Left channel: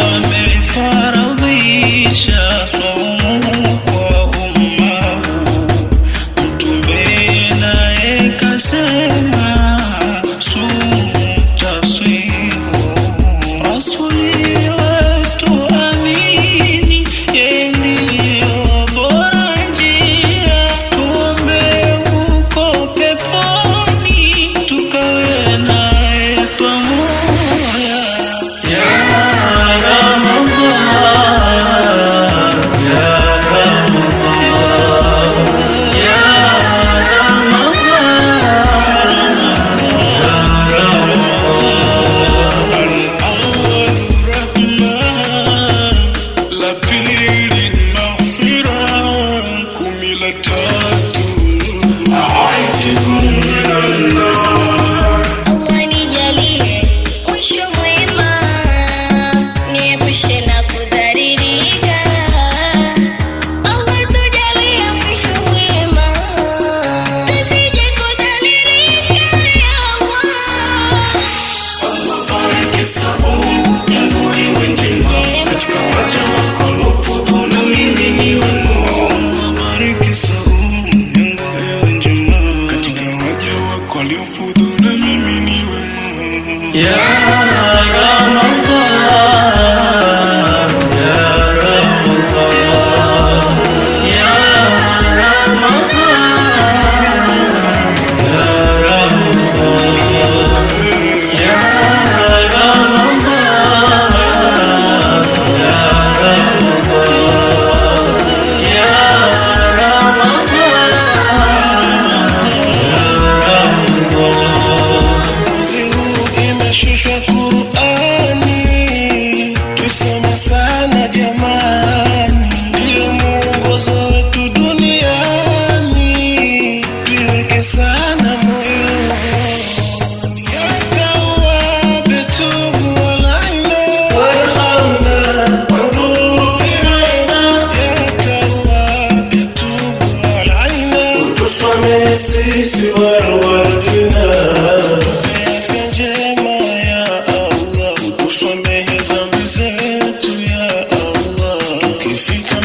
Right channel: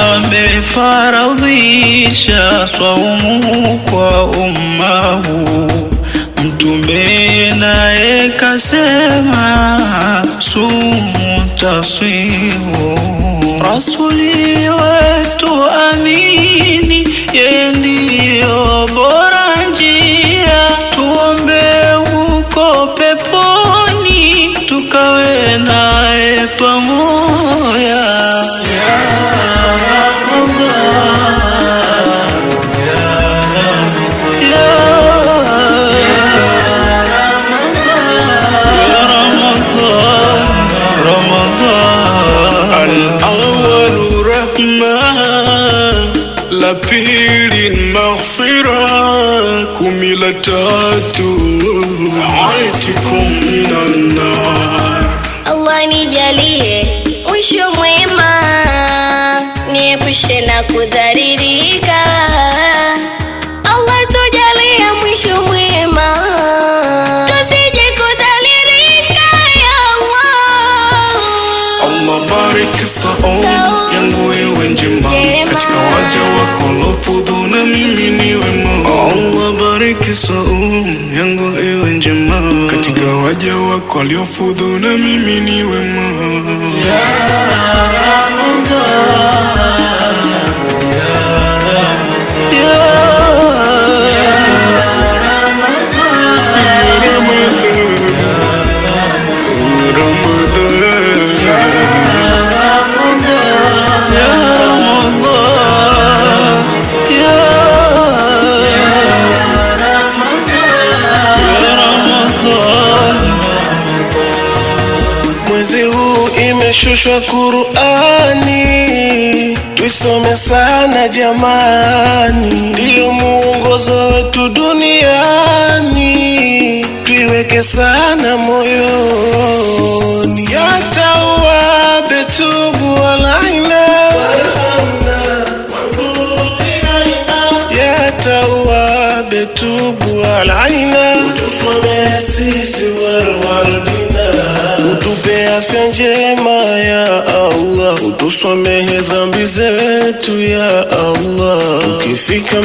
amefaradhisha swaumu kwa umma huu. Mtume naye kasema sumu tasihu. Rasuli wetu amini, yeye ndiyo bora njia. Tuombe huko peponi, tukawe naye pamoja. La pili maghfira, kumi la tatu aitikum minan nar. Allah nijalie mwisho mwema, niepushe na kudhalilika. Allah tujalie mwisho mwema, tusije kudhalilika ya Allah. Allah bariki saum yangu iwe njema, katika waja wako lofudhu na mimi niwe mwema. Allah bariki saum yangu iwe njema, katika waja wako liofudhu na mimi niwe mwema. Ya imeshushwa Qur'ani, tuisome sana jamani, ndiyo muongozo wetu duniani, tuiweke sana moyoni. Ya Tawwab tubu alaina, ya Tawwab tubu alaina, tusamehe sisi walwalidina, utupe afya njema ya Allah, utusamehe dhambi zetu ya Allah, tukifika